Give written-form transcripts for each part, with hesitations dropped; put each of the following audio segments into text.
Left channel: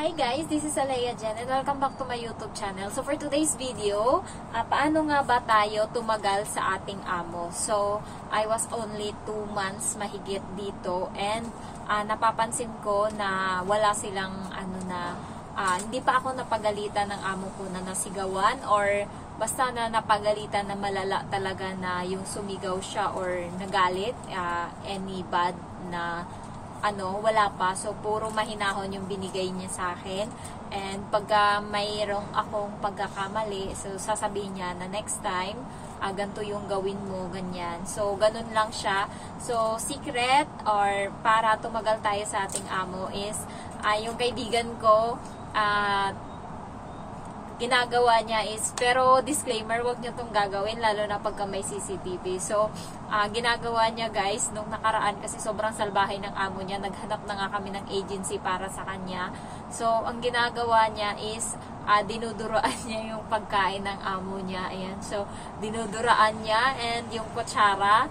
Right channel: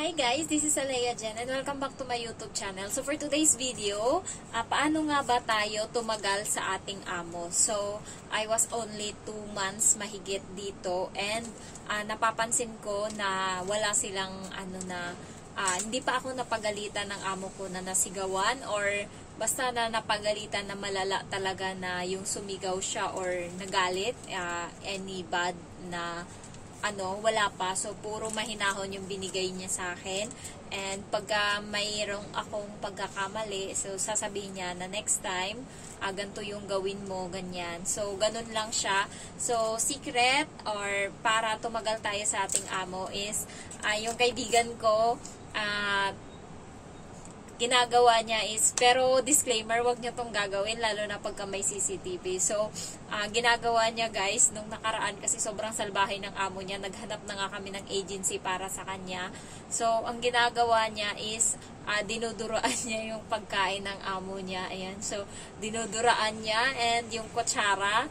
Hi guys, this is Alea Jen and welcome back to my YouTube channel. So for today's video, paano nga ba tayo tumagal sa ating amo? So I was only 2 months mahigit dito and napapansin ko na wala silang hindi pa ako napagalitan ng amo ko na nasigawan or basta na napagalitan na malala talaga na yung sumigaw siya or nagalit, any bad na wala pa. So, puro mahinahon yung binigay niya sa akin. And pagka mayroong akong pagkakamali, so sasabihin niya na next time, ganito yung gawin mo, ganyan. So, ganun lang siya. So, secret or para tumagal tayo sa ating amo is, yung kaibigan ko, ginagawa niya is, pero disclaimer, wag niyo tong gagawin, lalo na pagka may CCTV. So, ginagawa niya guys, nung nakaraan, kasi sobrang salbahe ng amo niya, naghanap na nga kami ng agency para sa kanya. So, ang ginagawa niya is, dinuduraan niya yung pagkain ng amo niya. Ayan. So, dinuduraan niya and yung kutsara,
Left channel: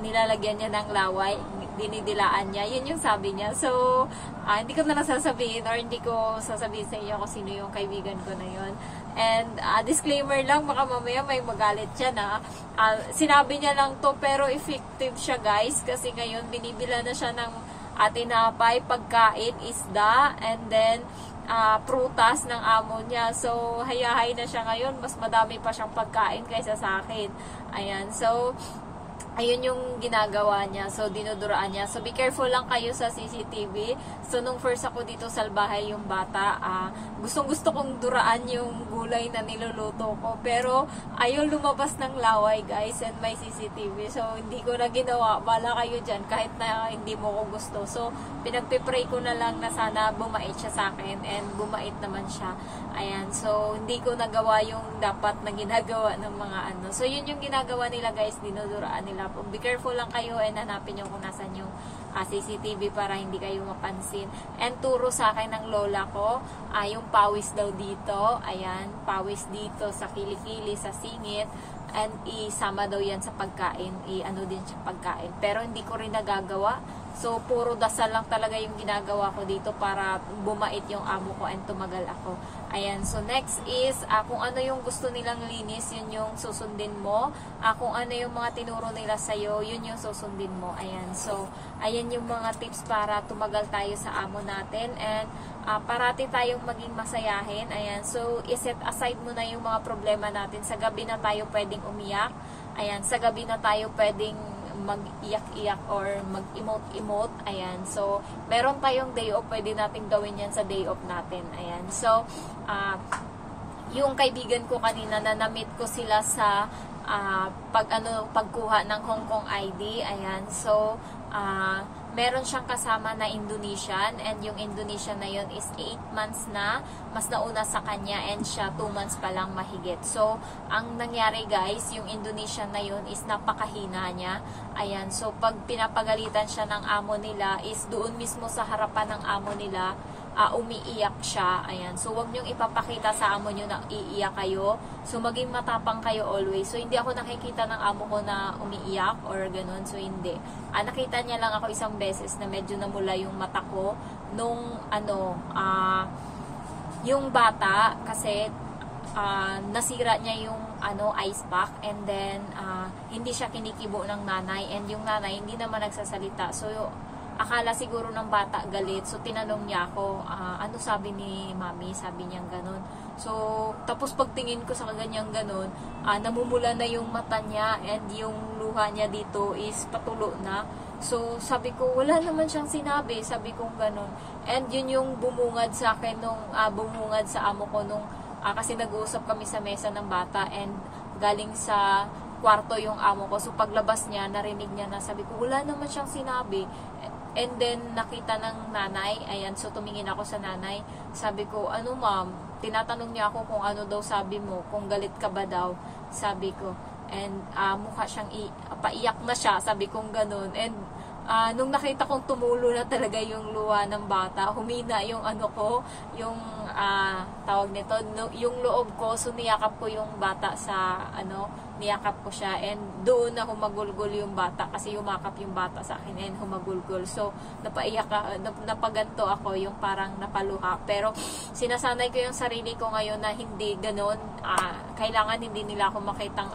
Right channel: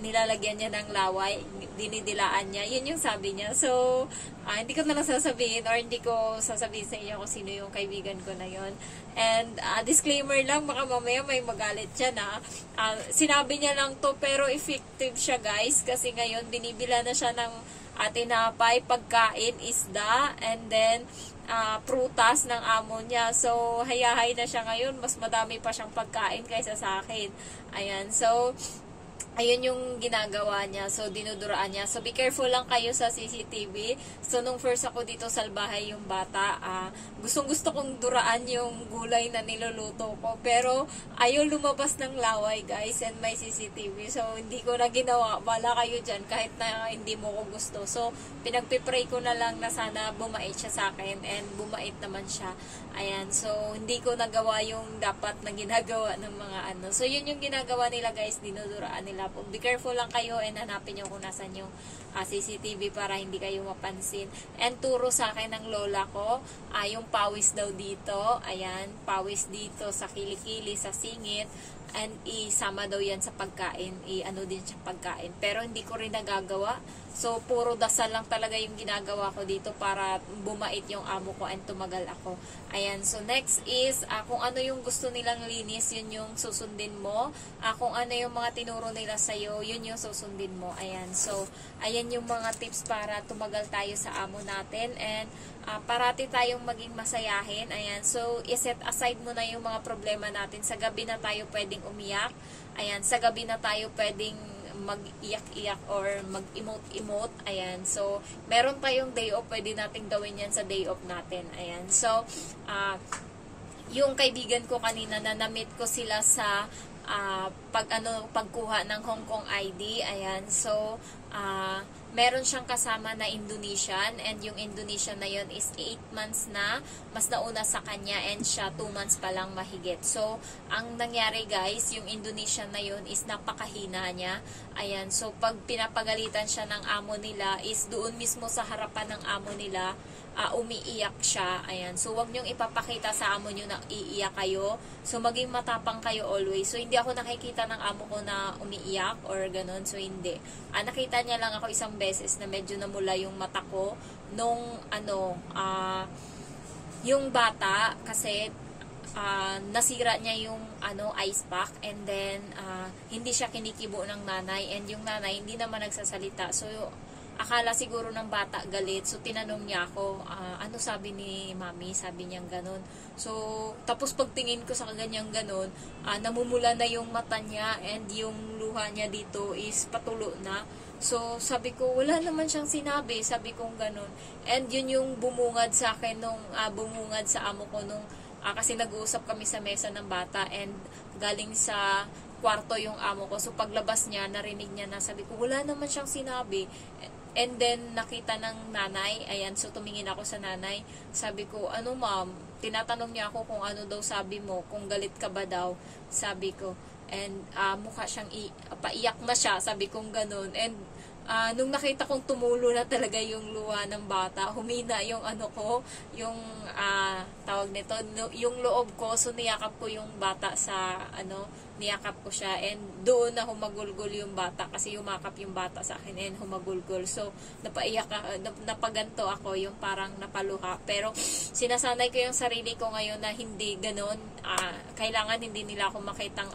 nilalagyan niya ng laway, dinidilaan niya. Yun yung sabi niya. So, hindi ko na lang sasabihin or hindi ko sasabihin sa inyo kung sino yung kaibigan ko na yun. And, disclaimer lang, baka mamaya may magalit siya na. Sinabi niya lang to pero effective siya guys kasi ngayon binibila na siya ng tinapay, pagkain, isda, and then prutas ng amo niya. So, hayahay na siya ngayon. Mas madami pa siyang pagkain kaysa sa akin. Ayan. So, ayun yung ginagawa niya. So, dinuduraan niya. So, be careful lang kayo sa CCTV. So, nung first ako dito salbahay yung bata, gustong-gusto kong duraan yung gulay na niluluto ko. Pero, ayaw lumabas ng laway, guys. And may CCTV. So, hindi ko na ginawa. Bala kayo dyan kahit na hindi mo ko gusto. So, pinagpipray ko na lang na sana bumait siya sa akin. And bumait naman siya. Ayan. So, hindi ko nagawa yung dapat na ginagawa ng mga So, yun yung ginagawa nila, guys. Dinuduraan nila. Be careful lang kayo and hanapin nyo kung nasan yung CCTV para hindi kayo mapansin. And turo sa akin ng lola ko, yung pawis daw dito. Ayan, pawis dito sa kilikili, sa singit. And isama daw yan sa pagkain. I-ano din sa pagkain. Pero hindi ko rin nagagawa. So, puro dasal lang talaga yung ginagawa ko dito para bumait yung amo ko and tumagal ako. Ayan. So, next is, kung ano yung gusto nilang linis, yun yung susundin mo. Kung ano yung mga tinuro nila sa'yo, yun yung susundin mo. Ayan. So, ayan yung mga tips para tumagal tayo sa amo natin. And, parati tayong maging masayahin. Ayan. So, iset aside mo na yung mga problema natin. Sa gabi na tayo pwedeng umiyak. Ayan. Sa gabi na tayo pwedeng mag-iyak-iyak or mag-emote-emote. Ayan. So, meron tayong day off. Pwede natin gawin yan sa day off natin. Ayan. So, yung kaibigan ko kanina na na-meet ko sila sa pagkuha ng Hong Kong ID. Ayan. So, meron siyang kasama na Indonesian and yung Indonesian na yun is 8 months na, mas nauna sa kanya and siya 2 months pa lang mahigit. So, ang nangyari guys, yung Indonesian na yun is napakahina niya. Ayan, so pag pinapagalitan siya ng amo nila is doon mismo sa harapan ng amo nila, umiiyak siya. Ayan. So, wag niyong ipapakita sa amo niyo na iiyak kayo. So, maging matapang kayo always. So, hindi ako nakikita ng amo ko na umiiyak or ganun. So, hindi. Nakita niya lang ako isang beses na medyo namula yung mata ko nung, yung bata kasi nasira niya yung ice pack and then hindi siya kinikibo ng nanay and yung nanay hindi naman nagsasalita. So, akala siguro ng bata galit. So, tinanong niya ako, ano sabi ni mami? Sabi niya ganun. So, tapos pagtingin ko sa kanyang ganun, namumula na yung mata niya and yung luha niya dito is patulo na. So, sabi ko, wala naman siyang sinabi. Sabi kong ganun. And yun yung bumungad sa akin nung, bumungad sa amo ko nung, kasi nag-uusap kami sa mesa ng bata and galing sa kwarto yung amo ko. So, paglabas niya, narinig niya na sabi ko, wala naman siyang sinabi. And then, nakita ng nanay. Ayan, so tumingin ako sa nanay. Sabi ko, ano ma'am? Tinatanong niya ako kung ano daw sabi mo. Kung galit ka ba daw? Sabi ko. And mukha siyang paiyak na siya. Sabi kong ganun. And nung nakita kong tumulo na talaga yung luha ng bata, humina yung ano ko, yung tawag nito, yung loob ko, so niyakap ko yung bata sa niyakap ko siya, and doon na humagulgol yung bata kasi yumakap yung bata sa akin and humagulgol. So napaganto ako, yung parang napaluha. Pero sinasanay ko yung sarili ko ngayon na hindi ganon, kailangan hindi nila ako makitang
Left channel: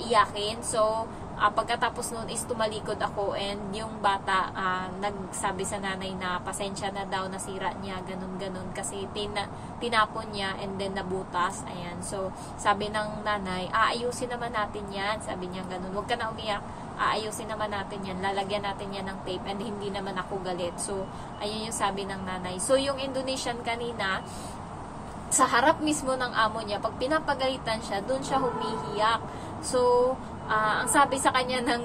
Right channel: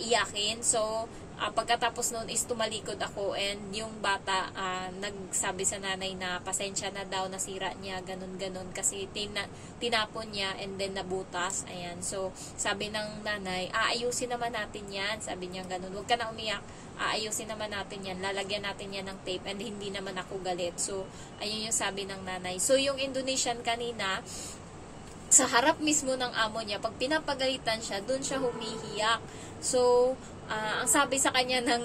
iyakin. So pagkatapos noon is tumalikod ako, and yung bata nagsabi sa nanay na pasensya na daw, nasira niya, ganun kasi tinapon niya and then nabutas. Ayan, so sabi ng nanay, aayusin naman natin yan, sabi niya ganun, huwag ka na umiyak, aayusin naman natin yan, lalagyan natin yan ng tape, and hindi naman ako galit. So ayun yung sabi ng nanay. So yung Indonesian kanina, sa harap mismo ng amo niya, pag pinapagalitan siya, dun siya humihiyak. So ang sabi sa kanya ng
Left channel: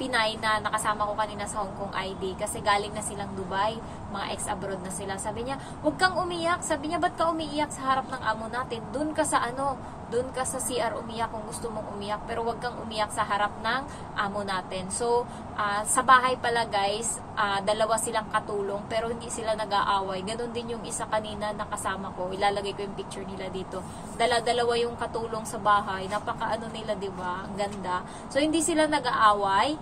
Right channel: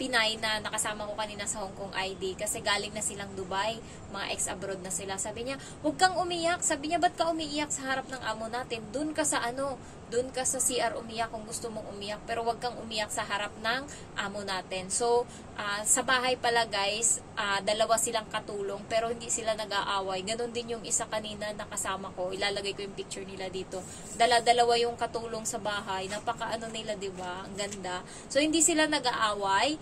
Pinay na nakasama ko kanina sa Hong Kong ID, kasi galing na silang Dubai, mga ex-abroad na sila. Sabi niya, huwag kang umiyak. Sabi niya, ba't ka umiiyak sa harap ng amo natin? Doon ka sa doon ka sa CR umiyak kung gusto mong umiyak, pero huwag kang umiyak sa harap ng amo natin. So, sa bahay pala guys, dalawa silang katulong, pero hindi sila nag-aaway. Ganon din yung isa kanina nakasama ko. Ilalagay ko yung picture nila dito. Dalawa yung katulong sa bahay. Napaka nila, diba? Ang ganda. So, hindi sila nag-aaway.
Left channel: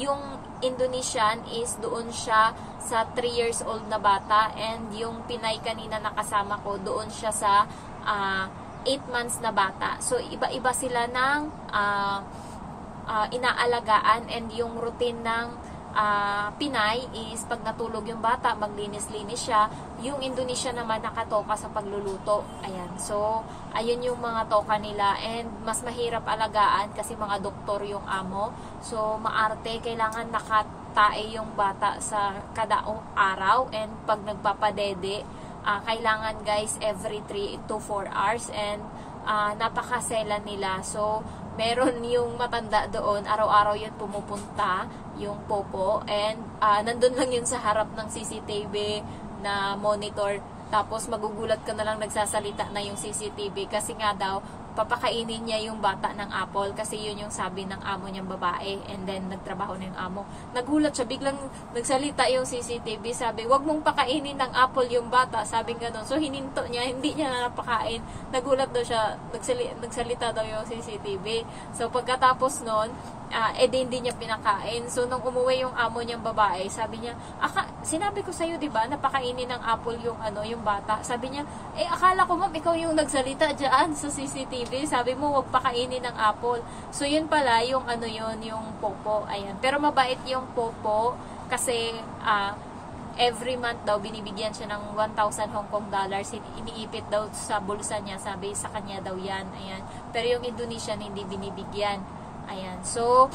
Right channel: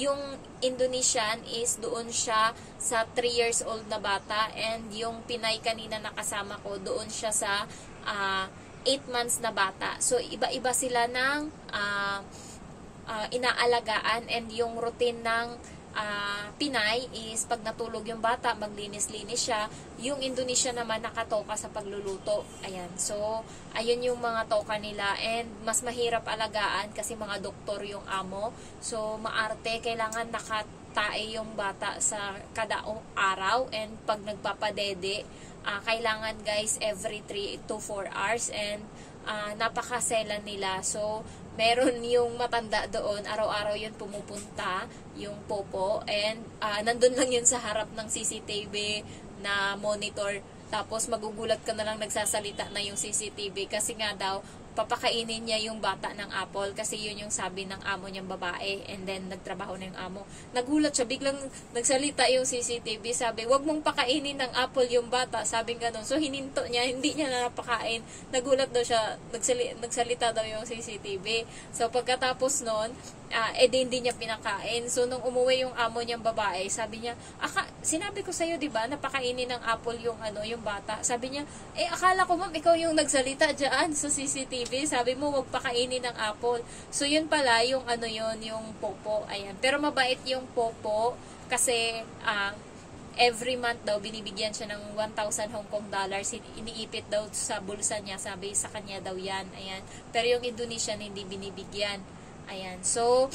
Yung Indonesian is doon siya sa 3 years old na bata, and yung Pinay kanina nakasama ko, doon siya sa 8 months na bata. So iba-iba sila ng inaalagaan, and yung routine ng Pinay is pag natulog yung bata, maglinis-linis siya. Yung Indonesia naman nakatoka sa pagluluto. Ayan. So, ayun yung mga toka nila, and mas mahirap alagaan kasi mga doktor yung amo. So, maarte, kailangan nakatae yung bata sa kada araw, and pag nagpapadede, kailangan guys every 3 to 4 hours, and napakaselan nila. So, meron yung matanda doon, araw-araw yun pumupunta, yung popo, and nandun lang yun sa harap ng CCTV na monitor. Tapos magugulat ka na lang nagsasalita na yung CCTV kasi nga daw papakainin niya yung bata ng apple, kasi yun yung sabi ng amo niyang babae, and then nagtrabaho na yung amo. Nagulat siya, biglang nagsalita yung CCTV, sabi, wag mong pakainin ng apple yung bata, sabi gano'n. So hininto niya, hindi niya na napakain. Nagulat daw siya, nagsalita daw yung CCTV. So pagkatapos nun, hindi niya pinakain. So nung umuwi yung amo niyang babae, sabi niya, sinabi ko sa'yo, diba, napakainin ng apple yung yung bata. Sabi niya, akala ko ma'am, ikaw yung nagsalita dyan sa CCTV. Sabi mo, huwag pakainin ng apple. So, yun pala, yung yung popo. Ayan. Pero mabait yung popo kasi every month daw, binibigyan siya ng 1,000 Hong Kong dollars. Iniipit daw sa bulsa niya. Sabi, sa kanya daw yan. Ayan. Pero yung Indonesian, hindi binibigyan. Ayan. So,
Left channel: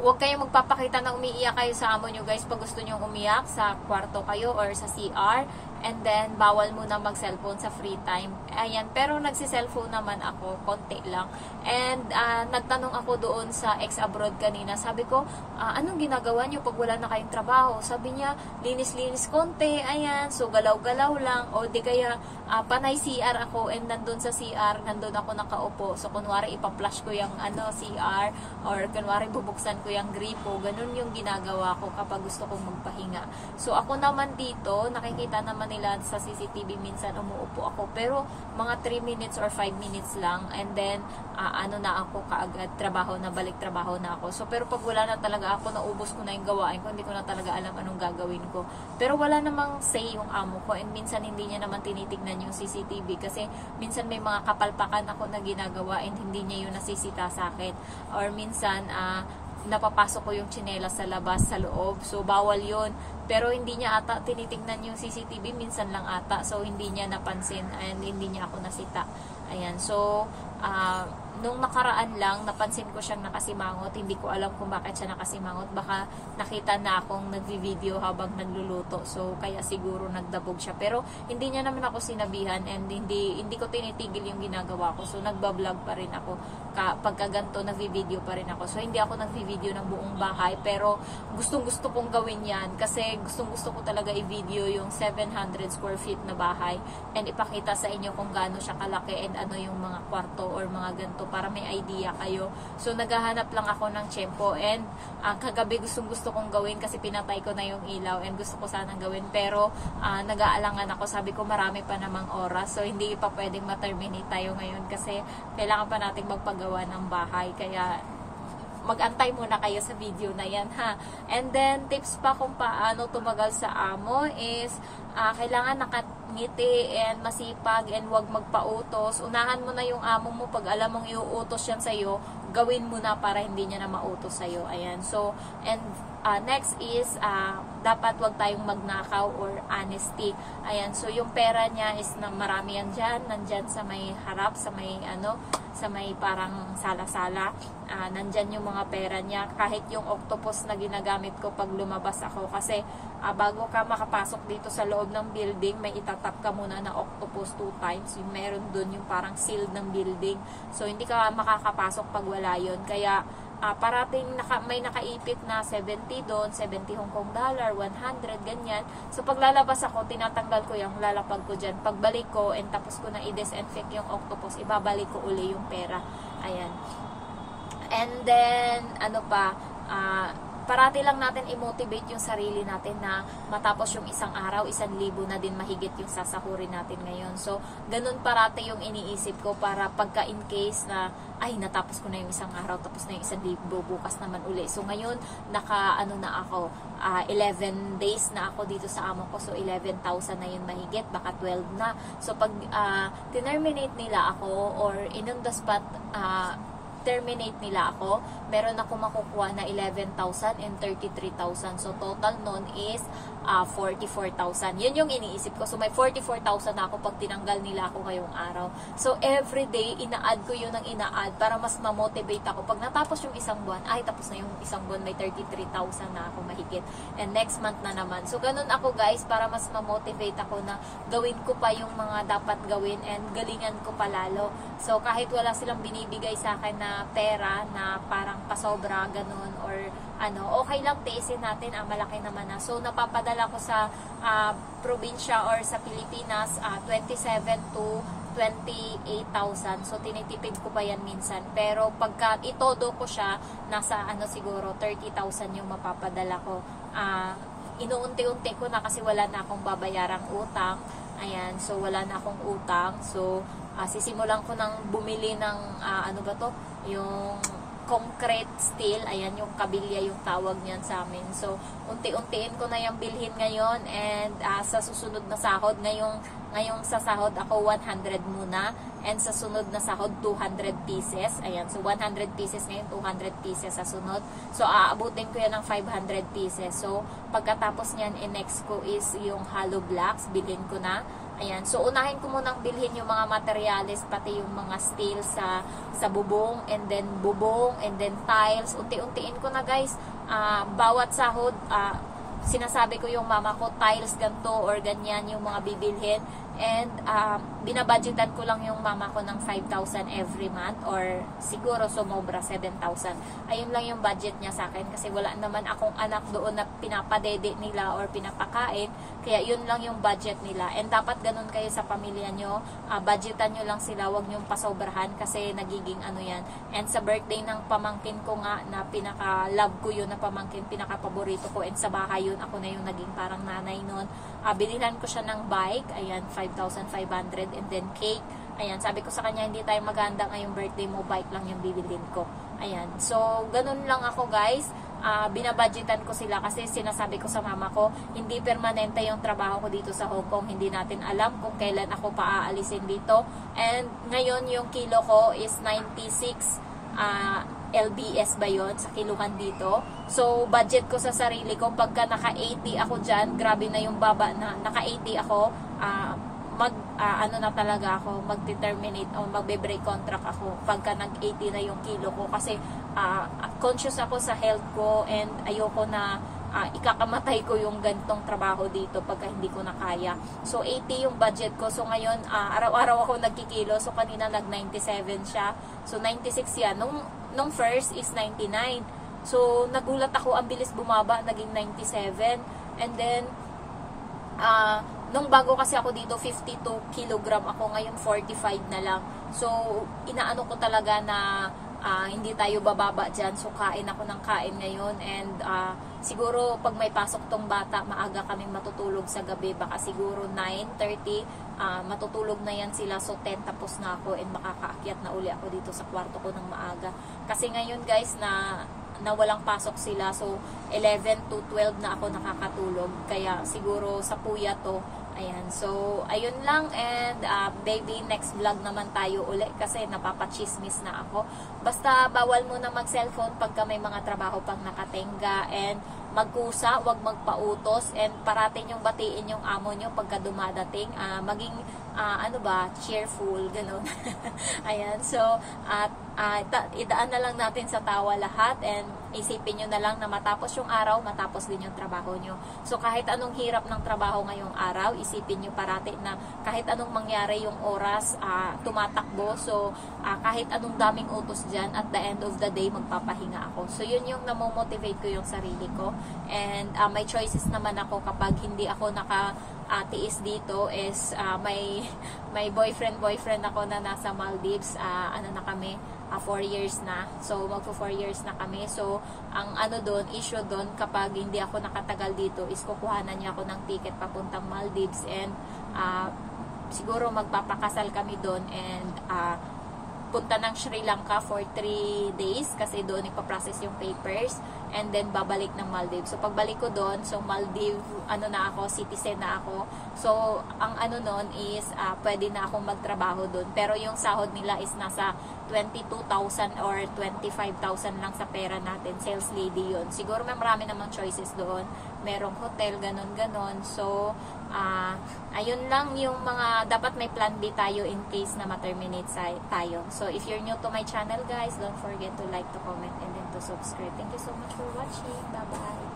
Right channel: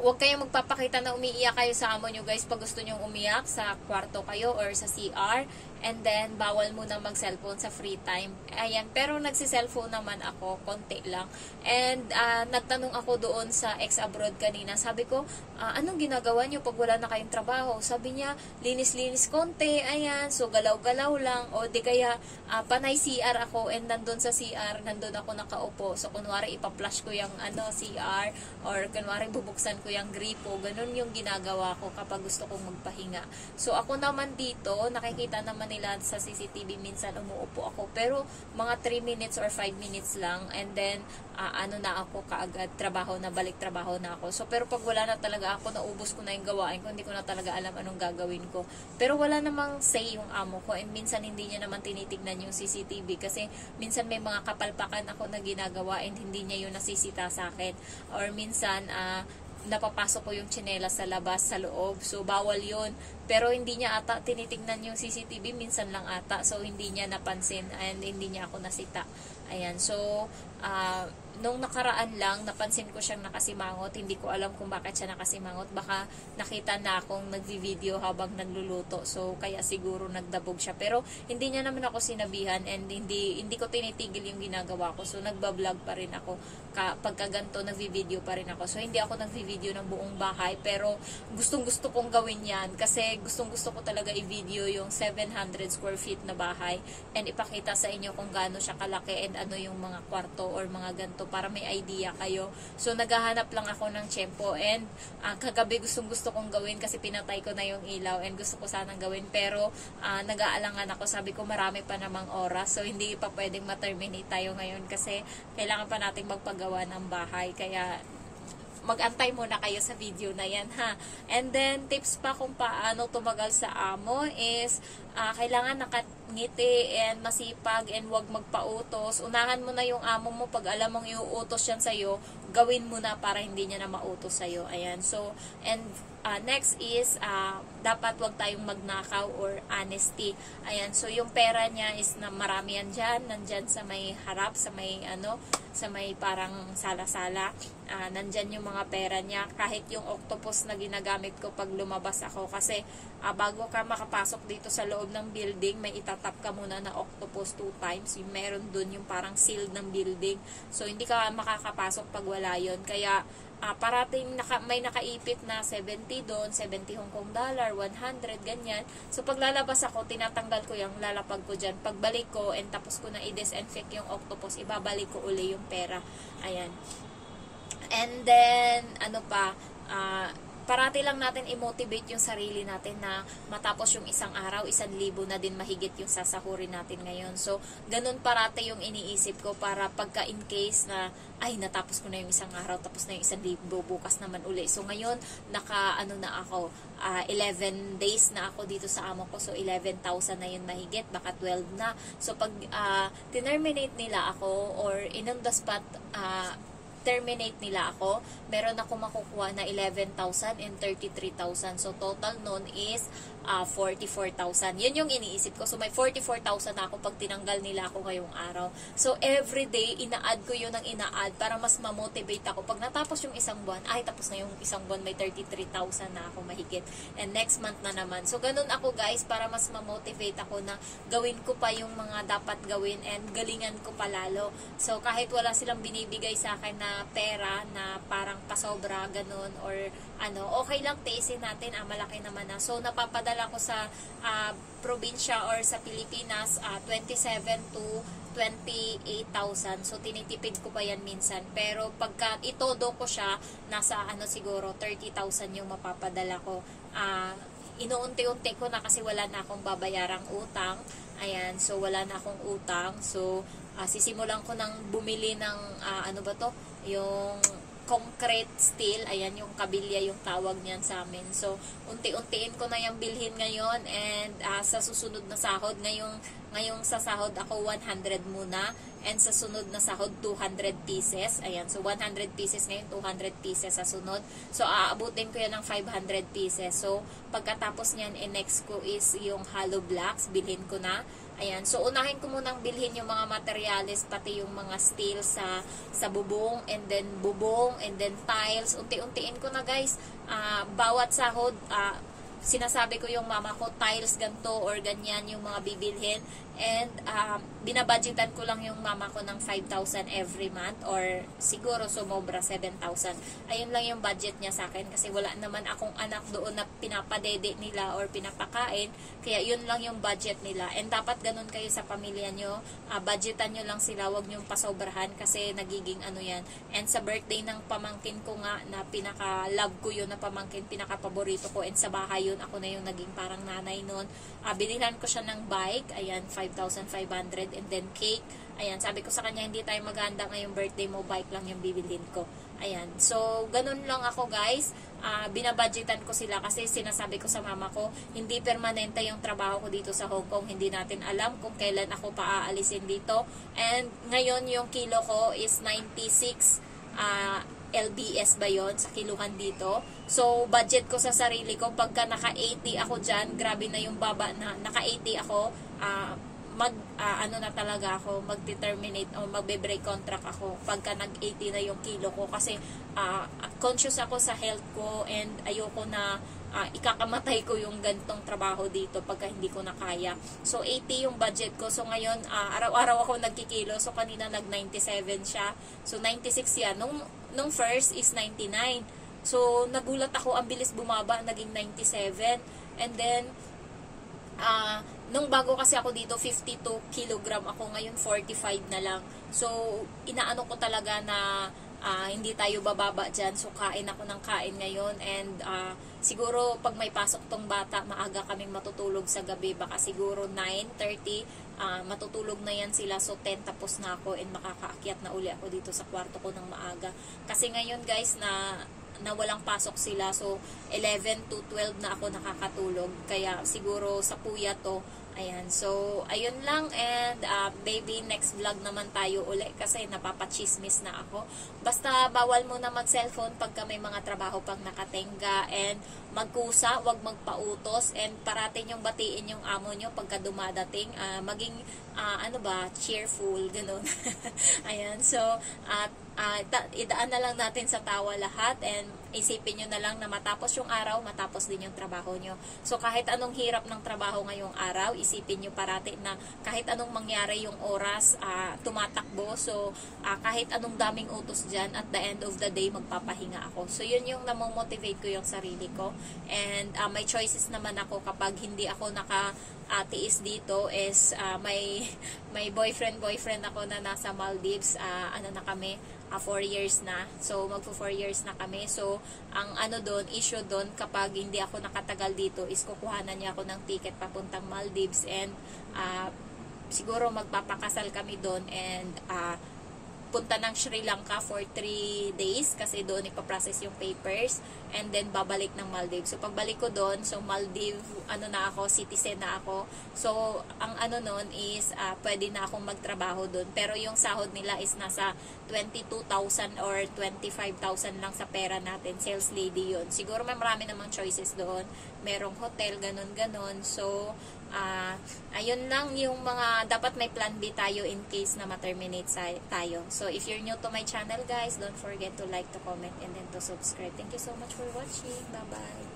huwag kayong magpapakita na umiiyak kayo sa amo nyo guys pag gusto nyo umiyak sa kwarto kayo or sa CR. And then, bawal muna mag-cellphone sa free time. Ayan, pero nagsi-cellphone naman ako, konti lang. And, nagtanong ako doon sa ex-abroad kanina. Sabi ko, anong ginagawa nyo pag wala na kayong trabaho? Sabi niya, linis-linis konti, ayan, so galaw-galaw lang. O di kaya, panay CR ako, and nandun sa CR, nandun ako nakaupo. So, kunwari, ipa-flash ko yung CR, or kunwari, bubuksan ko yung gripo. Ganun yung ginagawa ko kapag gusto kong magpahinga. So, ako naman dito, nakikita naman nila sa CCTV, minsan umuupo ako, pero mga 3 minutes or 5 minutes lang, and then na ako kaagad balik trabaho na ako. So pero pag wala na talaga ako, naubos ko na yung gawain ko, hindi ko na talaga alam anong gagawin ko. Pero wala namang say yung amo ko, and minsan hindi niya naman tinitignan yung CCTV kasi minsan may mga kapalpakan ako na ginagawa, and hindi niya yun nasisita sa akin, or minsan napapasok ko yung tsinelas sa labas, sa loob. So, bawal yun. Pero, hindi niya ata tinitingnan yung CCTV. Minsan lang ata. So, hindi niya napansin. And, hindi niya ako nasita. Ayan. So, nung nakaraan lang, napansin ko siyang nakasimangot. Hindi ko alam kung bakit siya nakasimangot. Baka nakita na akong nagvi-video habang nagluluto. So, kaya siguro nagdabog siya. Pero, hindi niya naman ako sinabihan, and hindi ko tinitigil yung ginagawa ko. So, nagbablog pa rin ako. Pagka ganito, nagvi-video pa rin ako. So, hindi ako nagvi-video ng buong bahay. Pero, gustong-gusto kong gawin yan. Kasi, gustong-gusto ko talaga i-video yung 700 square feet na bahay. And ipakita sa inyo kung gaano siya kalaki, and ano yung mga kwarto or mga ganito para may idea kayo. So, naghahanap lang ako ng tiyempo. And, kagabi gusto kong gawin kasi pinatay ko na yung ilaw and gusto ko sanang gawin. Pero, nag-aalangan ako. Sabi ko, marami pa namang oras. So, hindi pa pwedeng ma-terminate tayo ngayon kasi kailangan pa nating magpagawa ng bahay. Kaya, mag-antay muna kayo sa video na yan, ha. And then, tips pa kung paano tumagal sa amo is, kailangan nakangiti and masipag and huwag magpautos. Unahan mo na yung amo mo. Pag alam mong iuutos yan sa'yo, gawin mo na para hindi niya na mautos sa'yo. Ayan. So, and next is, dapat wag tayong magnakaw or honesty. Ayan. So, yung pera niya is na marami yan dyan. Nandyan sa may harap, sa may sa may parang sala-sala. Nandyan yung mga pera niya. Kahit yung octopus na ginagamit ko pag lumabas ako. Kasi, bago ka makapasok dito sa loob ng building, may itatap ka muna na octopus 2 times. Yung meron dun yung parang seal ng building. So, hindi ka makakapasok pag wala yun. Kaya, parating may nakaipit na 70 doon, 70 Hong Kong dollar, 100, ganyan. So, pag lalabas ako, tinatanggal ko yung lalapag ko dyan. Pagbalik ko, and tapos ko na i-disinfect yung octopus, ibabalik ko uli yung pera. Ayan. And then, parati lang natin i-motivate yung sarili natin na matapos yung isang araw, 1,000 na din mahigit yung sasahurin natin ngayon. So, ganun parati yung iniisip ko para pagka in case na, ay, natapos ko na yung isang araw, tapos na yung 1,000, bukas naman uli. So, ngayon, na ako, 11 days na ako dito sa amo ko. So, 11,000 na yun mahigit, baka 12 na. So, pag terminate nila ako or in on the spot, terminate nila ako, meron ako makukuha na 11,000 and 33,000. So, total nun is 44,000. Yun yung iniisip ko. So, may 44,000 na ako pag tinanggal nila ako ngayong araw. So, everyday, ina-add ko yun ng ina-add para mas ma-motivate ako. Pag natapos yung isang buwan, ay, tapos na yung isang buwan, may 33,000 na ako mahigit. And next month na naman. So, ganun ako guys, para mas ma-motivate ako na gawin ko pa yung mga dapat gawin and galingan ko palalo. So, kahit wala silang binibigay sa akin na pera na parang pasobra, ganun, or okay lang, tiisin natin, malaki naman na. So, napapadala ko sa probinsya or sa Pilipinas, 27 to 28,000. So, tinitipid ko pa yan minsan. Pero, pagka itodo ko siya, nasa siguro 30,000 yung mapapadala ko. Inuunti-unti ko na kasi wala na akong babayarang utang. Ayan, so wala na akong utang. So, sisimulan ko nang bumili ng, yung concrete steel, ayan, yung kabilya yung tawag niyan sa amin. So, unti-untiin ko na yung bilhin ngayon and sa susunod na sahod, ngayong sa sahod ako 100 muna and sa sunod na sahod 200 pieces. Ayan, so 100 pieces ngayon, 200 pieces sa sunod. So, aabutin ko yan ng 500 pieces. So, pagkatapos niyan, next ko is yung hollow blocks, bilhin ko na. Ayan. So, unahin ko munang bilhin yung mga materials, pati yung mga steel sa bubong, and then tiles. Unti-untiin ko na guys. Bawat sahod, sinasabi ko yung mama ko, tiles ganto or ganyan yung mga bibilhin. And, binabudgetan ko lang yung mama ko ng 5,000 every month or siguro sumobra 7,000. Ayun lang yung budget niya sa akin kasi wala naman akong anak doon na pinapadede nila or pinapakain. Kaya yun lang yung budget nila. And dapat ganun kayo sa pamilya nyo. Budgetan nyo lang sila, wag nyo pasobrahan kasi nagiging yan. And sa birthday ng pamangkin ko nga na pinaka-love ko yun na pamangkin, pinaka-paborito ko. And sa bahay yun, ako na yung naging parang nanay nun. Binilhan ko siya ng bike. Ayan, 5,500 and then cake. Ayan, sabi ko sa kanya, hindi tayo maganda ngayong birthday mo, bike lang yung bibilhin ko. Ayan, so, ganun lang ako guys. Binabudgetan ko sila kasi sinasabi ko sa mama ko, hindi permanente yung trabaho ko dito sa Hong Kong. Hindi natin alam kung kailan ako paaalisin dito. And ngayon yung kilo ko is 96 LBS ba yun sa kiluhan dito. So, budget ko sa sarili ko, pagka naka-80 ako dyan, grabe na yung baba na, naka-80 ako, na talaga ako, mag-determinate o magbe-break contract ako pagka nag-80 na yung kilo ko kasi conscious ako sa health ko and ayoko na ikakamatay ko yung gantong trabaho dito pagka hindi ko na kaya. So, 80 yung budget ko. So, ngayon, araw-araw ako nagkikilo. So, kanina nag-97 siya. So, 96 yan. Nung first is 99. So, nagulat ako, ang bilis bumaba, naging 97. And then, Nung bago kasi ako dito, 52 kilogram ako, ngayon 45 na lang. So, inaano ko talaga na hindi tayo bababa dyan. So, kain ako ng kain ngayon. And siguro, pag may pasok tong bata, maaga kaming matutulog sa gabi. Baka siguro 9:30, matutulog na yan sila. So, 10 tapos na ako and makakaakyat na uli ako dito sa kwarto ko ng maaga. Kasi ngayon guys, na walang pasok sila. So, 11 to 12 na ako nakakatulog. Kaya siguro sa puya to. Ayan. So, ayun lang. And, baby, next vlog naman tayo uli kasi napapachismis na ako. Basta, bawal muna mag-cellphone pagka may mga trabaho pang nakatenga. And, magkusa, wag magpautos. And, parating yung batiin yung amo nyo pagka dumadating. Maging, cheerful. Ganun. Ayan. So, idaan na lang natin sa tawa lahat. And, isipin nyo na lang na matapos yung araw, matapos din yung trabaho nyo. So, kahit anong hirap ng trabaho ngayong araw, isipin nyo parati na kahit anong mangyari yung oras, tumatakbo. So, kahit anong daming utos dyan, at the end of the day, magpapahinga ako. So, yun yung namomotivate ko yung sarili ko. And, may choices naman ako kapag hindi ako tiis dito is may boyfriend ako na nasa Maldives. Na kami, 4 years na. So, magpo 4 years na kami. So, ang issue doon, kapag hindi ako nakatagal dito, is kukuhanan niya ako ng ticket papuntang Maldives. And, siguro magpapakasal kami doon. And, punta ng Sri Lanka for 3 days kasi doon ipaprocess yung papers and then babalik ng Maldives. So pagbalik ko doon, so Maldives, citizen na ako. So ang noon is pwede na akong magtrabaho doon. Pero yung sahod nila is nasa 22,000 or 25,000 lang sa pera natin. Sales lady yun. Siguro may marami namang choices doon. Merong hotel, ganon. So ayun lang yung mga dapat may plan B tayo in case na ma-terminate tayo. So if you're new to my channel guys, don't forget to like, to comment, and then to subscribe. Thank you so much for watching. Bye bye.